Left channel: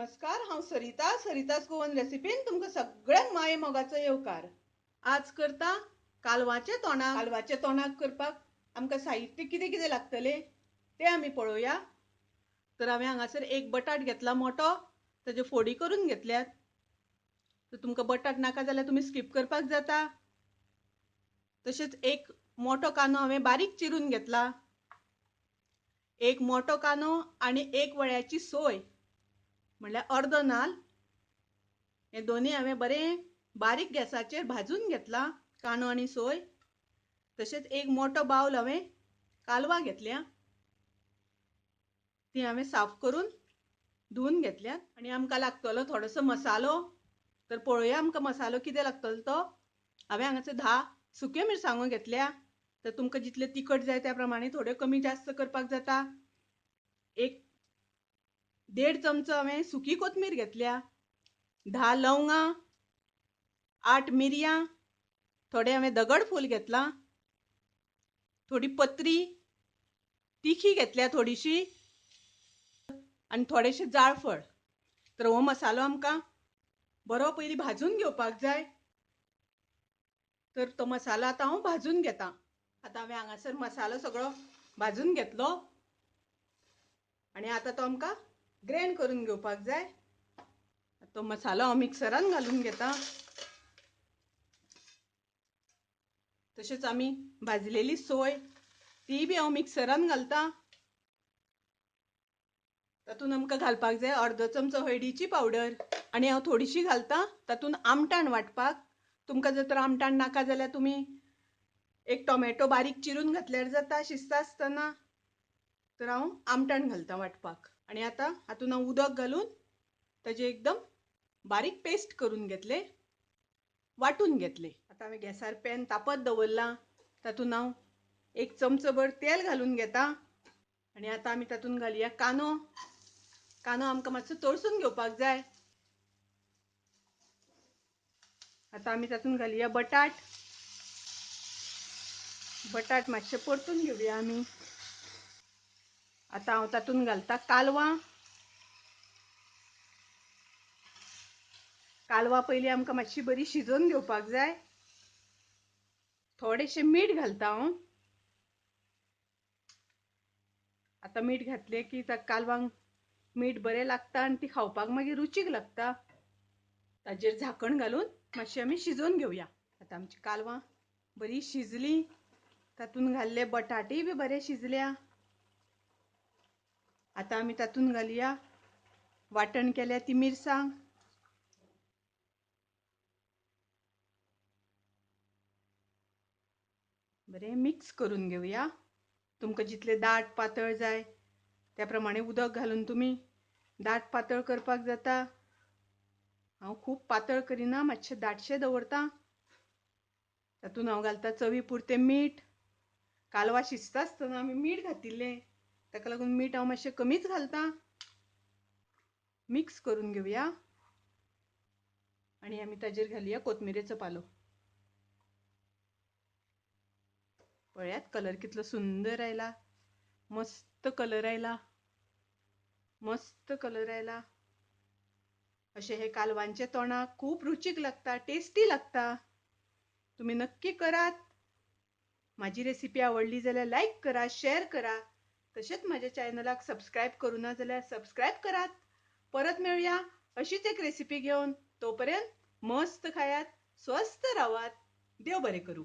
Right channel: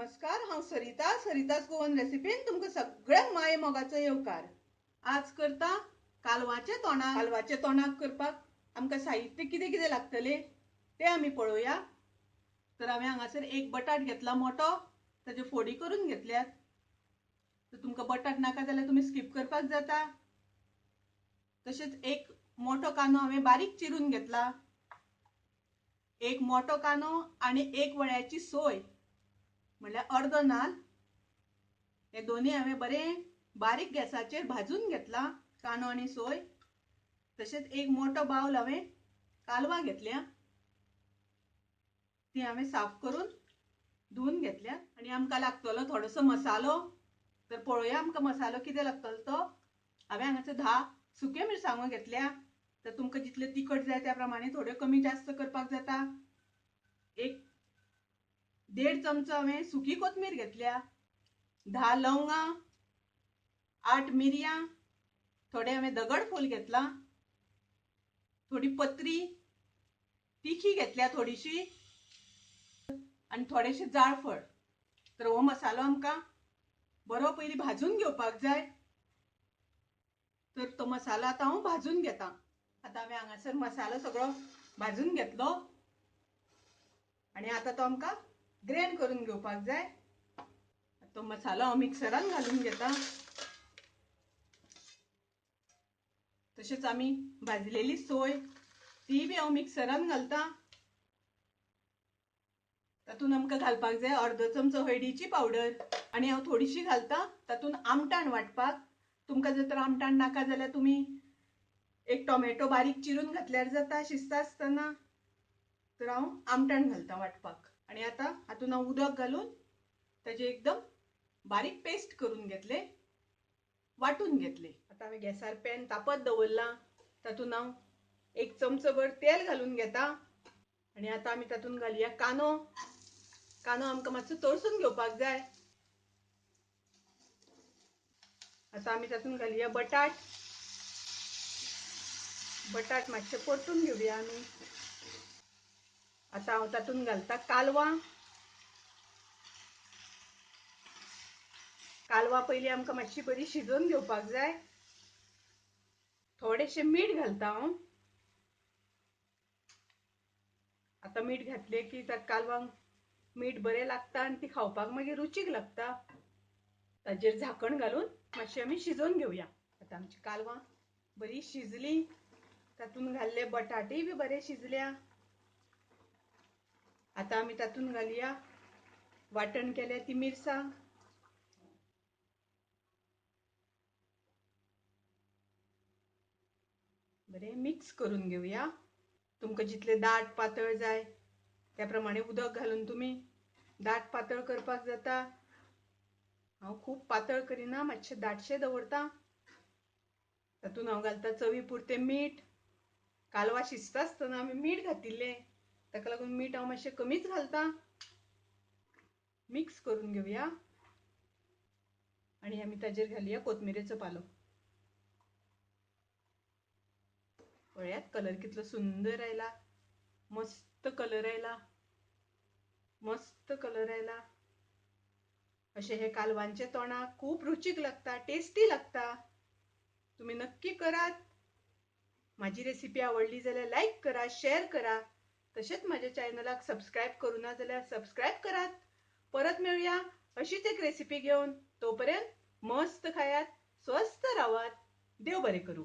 नमस्कार, हांव सरितास गोवन रेसिपीन तुमकां सगळ्यांक माये मोगाचो येवकार। आज करता कालवाचे तोंडाक करपाक आमकां साहित्य कितें कितें लागतले ते आमी पळोवया। तर हांवें हांगासर एक बटाट घेतला मोठो, ताज्यो फोडी करून घेतल्यात। तर तुमकां बटाट नाका जाल्यार तुमी स्किप करपाक जाता। तशेंच एक मोठो कांदो हांवें बारीक चिरून घेतला, एक मोठो कांदो आनी एक वळ्याची सोय म्हणल्यार अर्द नाल, हे दोन्ही हांवें बरें बारीक गॅसाचेर भाजून घेतला, कांदो आनी सोय। तशेंच एक मोठो बावल हांवें कालवां घेतल्या, ती हांवें साफ करून धुवन घेतल्या। आनी आमकां लागतलो थोडोसो मसालो, तर पळोवया आमकां मसालो कितें लागतलो तो। हांवें हांगासर 10 सुक्यो मिरसांगो घेतल्या, तर तुमकां जितले तिखट जाय त्या प्रमाणे थोड्यो कमी जास्त करपाक जाता। एक 1.5 चमचो हांवें सुकी कोथमीर घेतल्या, 10 लवंगां, 8 मिरयां, थोडे हांवें दगडफूल घेतला, थोडी पत्री तिखी घेतल्या थोडीशी, आनी थोडेशे जाळफळ। तर हो मसालो आमकां बरो पयलीं भाजून घेवपाक जाय। तर तो मसालो आतां हांव भाजून घेता। आतां हांवें हांगासर मसालो सगळो भाजून घेतलो आनी आतां तो आमकां ग्राइंड करून घेवपाक जाय। तो मसालो हांव मिक्सरान घालून घेता। तशेंच आमी भाजलेली सोय ती बी हांव मिक्सरान घालता। तातूंत आमकां घालपाक जाय अर्दो चमचो हळदीची पावडर, आनी हांव थोडीशी घालता तातूंत आमटाण वांटपाक। तुमकां जर तर आमटाण नाका जाल्यार तुमी एक टोमॅटो बारीक चिरून घातल्यार जाता शिजता आसतना। तर हांव आमटाण घालता वांटपाक। आनी आतां हातूंत हांव उदक घालून ताजे एकदम बारीक पेस्ट करून घेतले, वाटून घेतले। आतां हांवें गॅसार पॅन तापत दवरला, तातूंत हांव 1 चमचो भर तेल घालून घेता। आनी आतां आमी तातूंत घालुया कांदो। कांदो आमकां मातसो तळसून घेवपाक जाय। आतां आमी तातूंत घालुया बटाट मातशे परतून घेवया आमी। आतां हांव तातूंत घालता कालवां पयलीं आमकां मातशी बरी शिजोवन घेवपाक जाय। थोडेशें मीठ घालता हांव। आतां मीठ घातलें की कालवांक मीठ बरें लागता आनी ती खावपाक मागीर रुचीक लागता। ताजेर झाकण घालून मातशी आमी शिजोवन घेवया। आतां आमची कालवां बरी शिजली, तातूंत घाल्ले बटाटय बी बरे शिजल्या। आतां आमी तातूंत घालुया वाटण केल्या ती मिरसांग, बरें मिक्स करून घेवया। तुमकां जितले दाट पातळ जाय त्या प्रमाणे उदक घालून तुमी दाट पातळ करपाक जाता। हांव खूब पातळ करिना, मातशें दाटशें दवरता। तातूंत हांव घालता चवी पुरतें मीठ। कालवां शिजता आसतना आमी मीठ घातिल्लें, ताका लागून मीठ हांव मातशें कमीच घालता। मिक्स करून घेवया आनी आमी ताजेर घालुया कोथमिरेचो पालो। पळयात कलर कितलो सुंदर आयला, मस्त कलर आयला, मस्त कलर आयला। अशें हे कालवांचे तोंडाक खूब रुचीक लागता, टेस्टी लागता। तुम्ही नक्की करात। माझी रेसिपी आवडली जाल्यार लाईक करा, शेअर करा। तशेंच माझ्या चॅनलाक सबस्क्राईब करूना जाल्यार सबस्क्राईब करात। परत मेळुया अशीच एक रेसिपी घेऊन। तोपर्यंत मस्त खायात, स्वस्थ राहात। देव बरें करूं।